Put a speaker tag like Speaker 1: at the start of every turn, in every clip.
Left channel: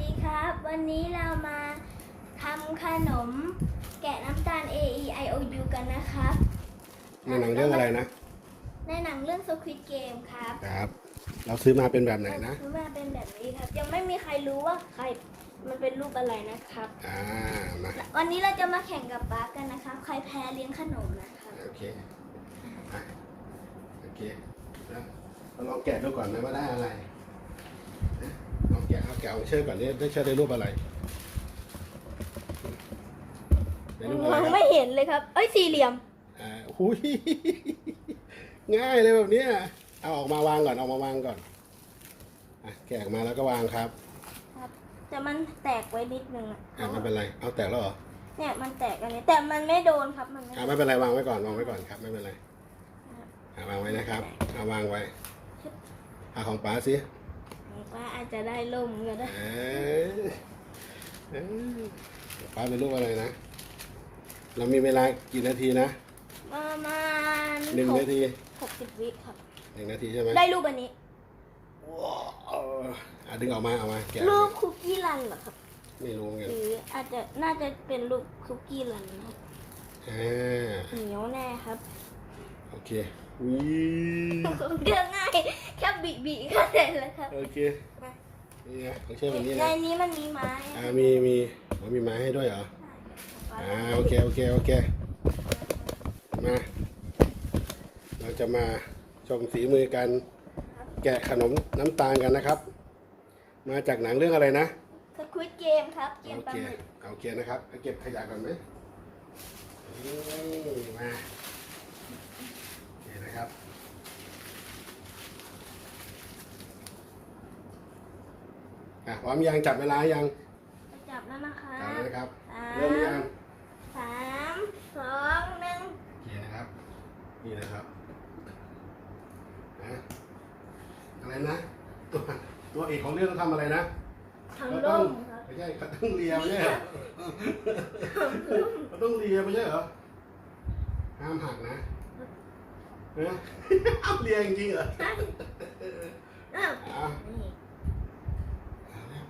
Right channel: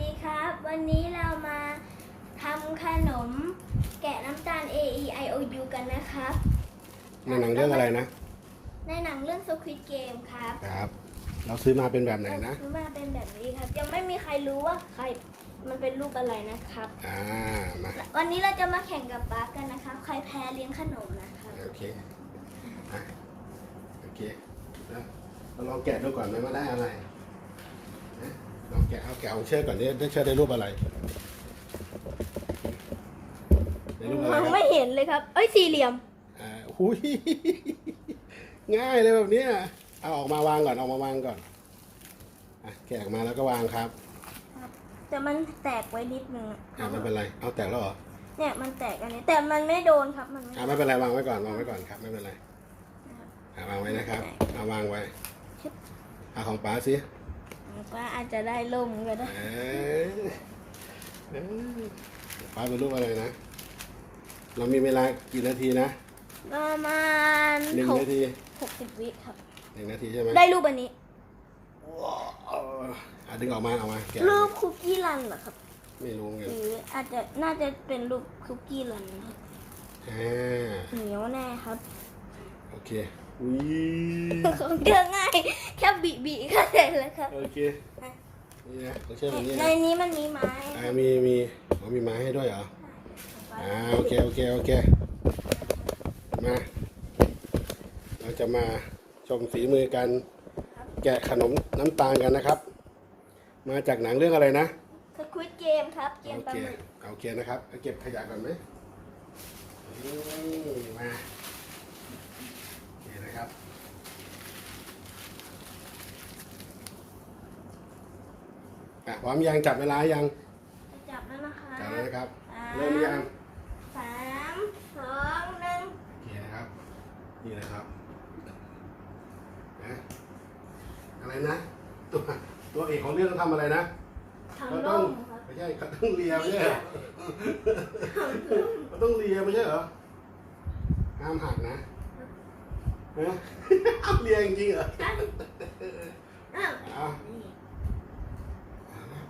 Speaker 1: นี้เรามาทำขนมแกะน้ำตาล A E I O U กันนะครับ
Speaker 2: ในหนังเรื่องอะไรนะ
Speaker 1: ในหนังเรื่อง Squid Game ครับ
Speaker 2: ครับ เราซื้อมาเป็นแบบไหนนะ
Speaker 1: ซื้อมาเป็นแบบนี้ครับ ยังไม่มีใครรู้ว่าใครมันเป็นรูปอะไรนะครับ
Speaker 2: อ่ามา
Speaker 1: วันนี้เราจะมาแข่งกับป๊ากันนะครับ ใครแพ้เลี้ยงขนมนะครับ
Speaker 2: โอเคอะโอเคนะเราลองแกะดูก่อนไหมว่าได้อะไรนะลองแกะเอาแกะ ของเชื่อก่อนนี่ได้เชื่อได้รูปอะไรได้รูปอะไร
Speaker 1: มัน
Speaker 2: ครับ
Speaker 1: ไม่เห็นเลยครับ เอ้ยสี่เหลี่ยม
Speaker 2: อ่าหุยง่ายเลยแบบเนี้ยเอาออกมาวางก่อนเอามาวางก่อนอะแกะออกมาแล้วก็วางครับ
Speaker 1: แต่มันแตกไว้นิดนึง
Speaker 2: อ่าไม่เป็นไรเอาแตกแล้วเหรอ
Speaker 1: เนี่ยมันแตกอันนี้แต่มันไม่โดนครับมันไม่
Speaker 2: อ่าไม่เป็นไรวางไว้ก่อนวางไว้ก่อนครับ ไม่เป็นไรอ่าวางไว้นะครับเอาวางไว้เอาของป๋าสิ
Speaker 1: มันก็อาจจะได้ล่มก็ได้
Speaker 2: เอ้ยเอ้ยป๋าเป็นรูปอะไรนะ เรามีเวลากี่นาทีนะ
Speaker 1: ประมาณ
Speaker 2: หนึ่งนาที
Speaker 1: หกสิบวิครับ
Speaker 2: หนึ่งนาทีใช่ไหม
Speaker 1: ได้รูปอันนี้
Speaker 2: ว้าวอะดึงออกมาเอามาแกะ
Speaker 1: รูปคุกกี้รันเหรอครับ
Speaker 2: ไม่รู้เหมือนกัน
Speaker 1: หรืออาจจะน่าจะเป็นรูปคุกกี้รันนะครับ
Speaker 2: อ่า
Speaker 1: เหนียวแน่ครับ
Speaker 2: โอ เคอุ้ย
Speaker 1: เดือง่ายแค่บีบีก็ได้แล้วครับ
Speaker 2: โอเคนี่นะของเชื่อแบบนี้
Speaker 1: ใน
Speaker 2: นะ
Speaker 1: นี้มันมีไม้
Speaker 2: อ่ามีมีอ๋อมีไม้ให้ด้วยเหรออ่าโอเคโอเคโอเคมาเราจะมาชมฝีมือการแกะขนมน้ำตาลกันนะครับ มาจากหนังเรื่องอะไรนะ
Speaker 1: สควิตเกมครับ เก
Speaker 2: โอ
Speaker 1: มปลา
Speaker 2: เค
Speaker 1: หมึก
Speaker 2: โอเคนะครับไปเก็บขยะกันไหมนี่มานี่นะครับอะ พร้อมยังจับเวลายัง
Speaker 1: จะจับแล้วนะครั
Speaker 2: จับบนะครับ
Speaker 1: สา
Speaker 2: เริ่มหรือยัง
Speaker 1: มสามสองหนึ่ง
Speaker 2: โอเคนะครับนี่นะครับนะอะไรนะตัวตัวเอกของเรื่องต้องทำอะไรนะ
Speaker 1: ทำ
Speaker 2: ก็
Speaker 1: ร่
Speaker 2: ต้อง
Speaker 1: มครับ
Speaker 2: ไม่ใช่ก็ต้องเลียไม่ใช่เหรอก็ต้องเลียไม่ใช่เหรอห้ามหักนะฮะห้ามเลียจริงๆเหรอ
Speaker 1: ได้อ้าว
Speaker 2: เอา
Speaker 1: นี่
Speaker 2: เอาแล้ว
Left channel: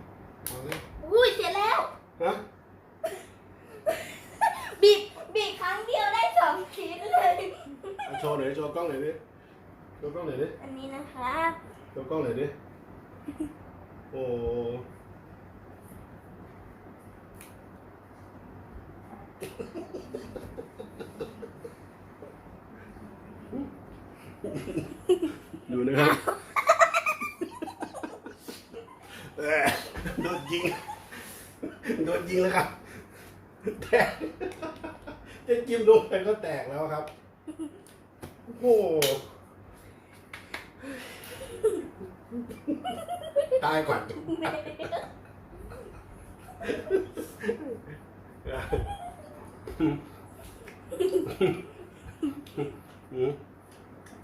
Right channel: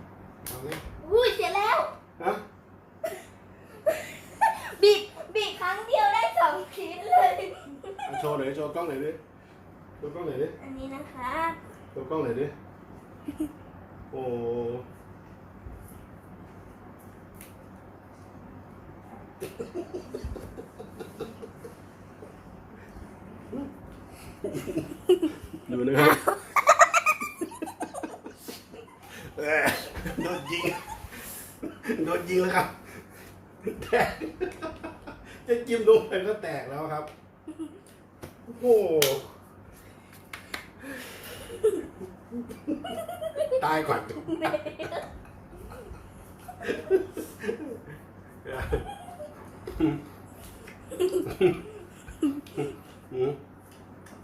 Speaker 2: เอาแล้ว
Speaker 1: อุ้ยเสร็จแล้ว
Speaker 2: ฮะ
Speaker 1: บีบบีบครั้งเดียวได้สองชิ้นเลย
Speaker 2: เอาโชว์หน่อยโชว์กล้องหน่อยดิโชว์กล้องหน่อยดิ
Speaker 1: อันนี้นะครับ
Speaker 2: โชว์กล้องหน่อยดิโอ้ดูนะครับเอ้ย โดนยิง โดนยิงแล้วครับ แตกจะจิ้มลงไปก็แตกแล้วครับ โอ้โหตายก่อนอืม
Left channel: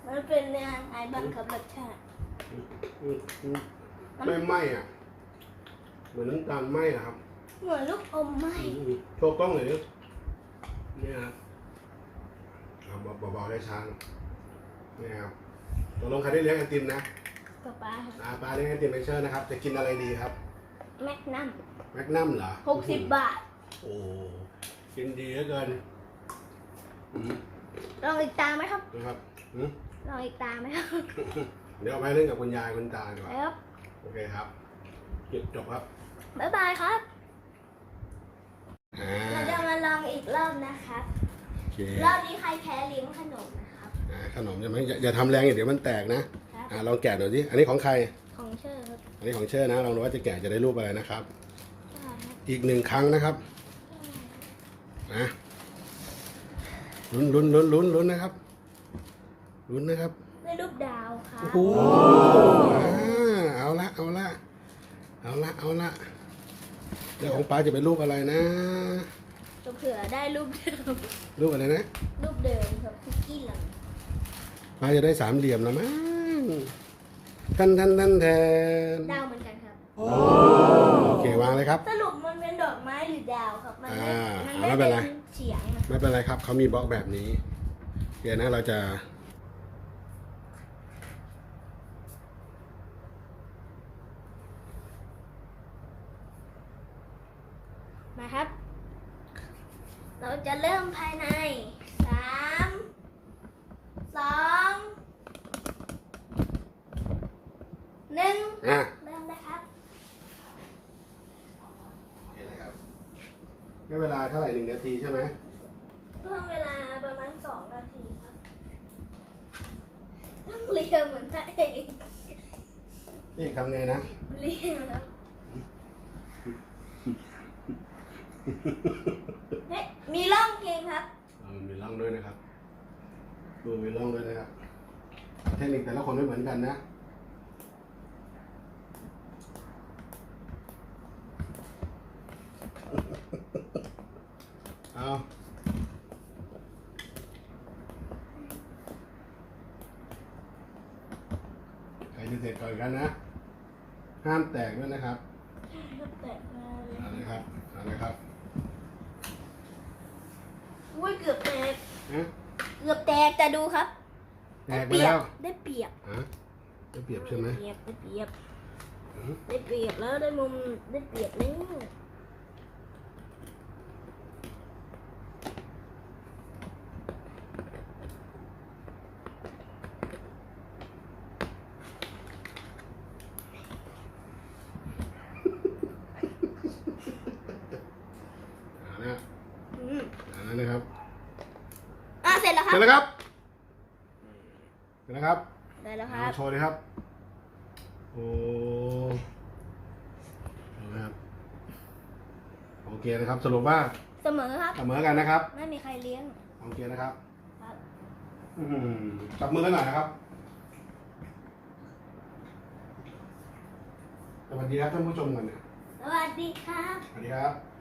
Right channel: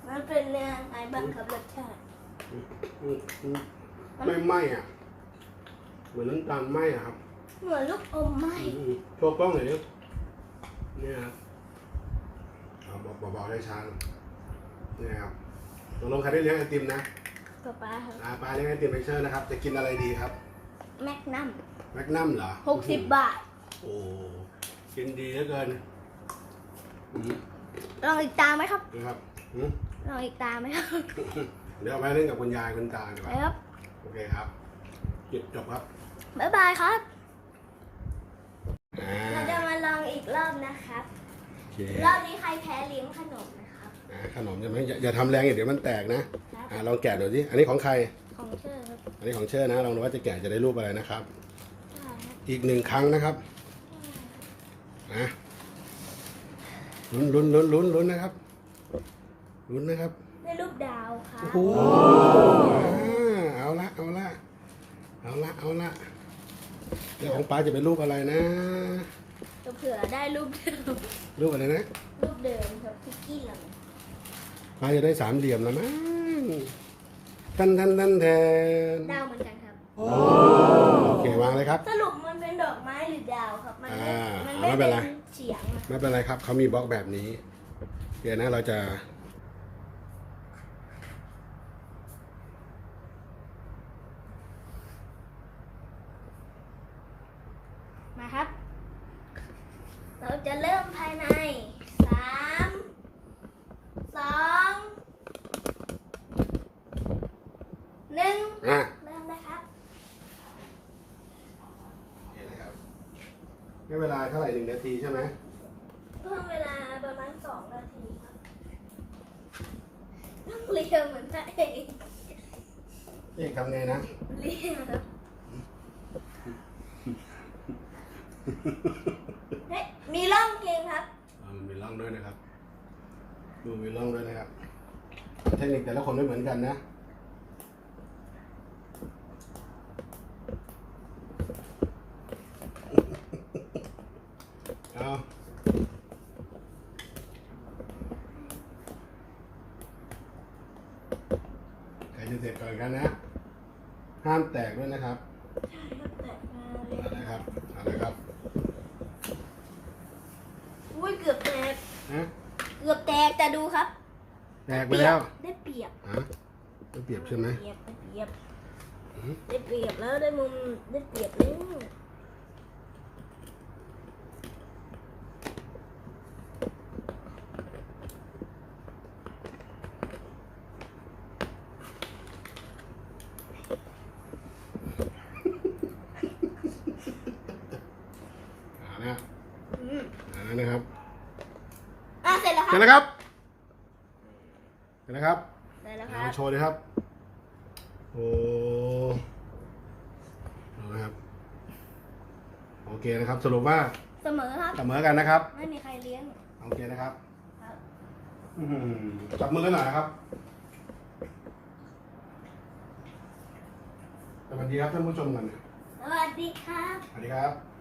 Speaker 1: มันเป็นเรื่องไอ้บ้างครับรสชาติ
Speaker 2: อืมอืมไม่ไหม้อะ เหมือนน้ำตาลไหม้อะครับ
Speaker 1: เหมือนลูกอมไหม
Speaker 2: อืมโชว์กล้องหน่อยดิเนี่ยครับเอาเบาๆได้ช้าหน่อยเนี่ยครับตกลงใครได้เลี้ยงไอติมนะ
Speaker 1: ป๊าป๊าครับ
Speaker 2: ปลาปลาเลี้ยงไอติมเลเชอร์นะครับ จะกินอะไรดีครับ
Speaker 1: แมกนัม
Speaker 2: แมกนัมเหรอ
Speaker 1: หกสิบบาท
Speaker 2: โอ้กินดีเหลือเกินอืม
Speaker 1: ลองอีกตาไหมครับ
Speaker 2: นะครับอืม
Speaker 1: ลองอีกตาไหมครับ
Speaker 2: เดี๋ยวเอาไปเล่นกับคุณยายคุณตาดีก
Speaker 1: ไป
Speaker 2: ว่า
Speaker 1: ครับ
Speaker 2: โอเคครับจบจบครับ
Speaker 1: บ๊ายบายครับ
Speaker 2: อ่า
Speaker 1: เราจะมาลองอีกรอบนะครับ
Speaker 2: โอเค
Speaker 1: รอบนี้ใครแพ้เลี้ยงขนมนะครับ
Speaker 2: อ่าขนมใช่ไหมอย่าอย่าทำแรงอย่าเดี๋ยวมันแตกนะ
Speaker 1: ครับ
Speaker 2: อ่าลองแกะดูสิอันนี้ของใคร
Speaker 1: ของเชอร์ครับ
Speaker 2: อันนี้ของเชิญนะลองดูว่าจะแกะจะได้รูปอะไรนะครับ
Speaker 1: ใช่ครับ
Speaker 2: อีกหนึ่งครั้งนะครับนะลุ้นลุ้นลุ้นลุ้นลุ้นนะครับลุ้นนะครับ
Speaker 1: ได้รูปดาวครับ
Speaker 2: โอ้โหอ่าเอาละเอาละเอาละเอาละ เดี๋ยวของป้าจะเป็นรูปอะไรนะ
Speaker 1: เผื่อได้รูปเดิม
Speaker 2: รูปอะไรนะ
Speaker 1: รูปเดิมครับคุกกี้หลัง
Speaker 2: ป้าจะได้สามเหลี่ยมแล้วมั้งทันทันทันแทน
Speaker 1: ดาวเหมือนกันครับ
Speaker 2: โอเควางเลยครับ
Speaker 1: สรุปมันเป็นดอกไม้หรือดาวครับ มันไม่
Speaker 2: อ่า
Speaker 1: มัน
Speaker 2: เอาไม่เป็นไร
Speaker 1: เฉียงนะ
Speaker 2: ไม่เป็นไรครับเขามีบล็อกแบบนี้ เดี๋ยวนะเราจะ
Speaker 1: มาครับ เราจะเริ่มภายในสามสองหนึ่ง
Speaker 2: อะ
Speaker 1: เริ่มนะครับ
Speaker 2: โอเคนะครับ ให้เวลาเท่าไหร่หนึ่งนาทีใช่ไหม
Speaker 1: เพิ่มเวลาประมาณสองนาทีครับต้องเรียงเหมือนตัวเอง
Speaker 2: เอ๊ะทำไงนะ
Speaker 1: เรียงครับเฮ้ย มีร่องเพลงครับ
Speaker 2: อ่ามันมีร่องด้วยนะครับดูมีร่องด้วยนะครับเทคนิคแต่ละคนไม่เหมือนกันนะ เอาใครจะเสร็จก่อนกันนะ ห้ามแตกด้วยนะครับ
Speaker 1: ใช่ครับแตกมาเลย
Speaker 2: เอาเลยครับเอาเลยครับ
Speaker 1: อุ้ยเกือบแตก
Speaker 2: ฮะ
Speaker 1: เกือบแตกแต่ดูครับ
Speaker 2: แตกไปแล้ว
Speaker 1: ได้เปรียบ
Speaker 2: ฮะไม่เปรียบใช่ไหม
Speaker 1: เปรียบได้เปรียบ
Speaker 2: อืม
Speaker 1: ได้เปรียบแล้วได้มุมได้เปรียบแล้ว
Speaker 2: เอาแล้ว
Speaker 1: อืม
Speaker 2: เอาแล้วนะครับ
Speaker 1: อะเส ร็จแล้วค
Speaker 2: เสร็
Speaker 1: รั
Speaker 2: จ
Speaker 1: บ
Speaker 2: แล้วครับเสร็จแล้วครับ
Speaker 1: ได้แล้วค
Speaker 2: เอา
Speaker 1: รับ
Speaker 2: โชว์เลยครับ โอ้ดูนะครับ โอเคนะครับ สรุปว่า
Speaker 1: เสมอครับ
Speaker 2: เสมอกันนะครับ
Speaker 1: ไม่มีใครเลี้ยง
Speaker 2: โอเคนะครับ
Speaker 1: ครับ
Speaker 2: อื้อหือจับมือกันหน่อยนะครับ สวัสดีครับท่านผู้ชมกันนะ
Speaker 1: สวัสดีครับ
Speaker 2: สวัสดีครับ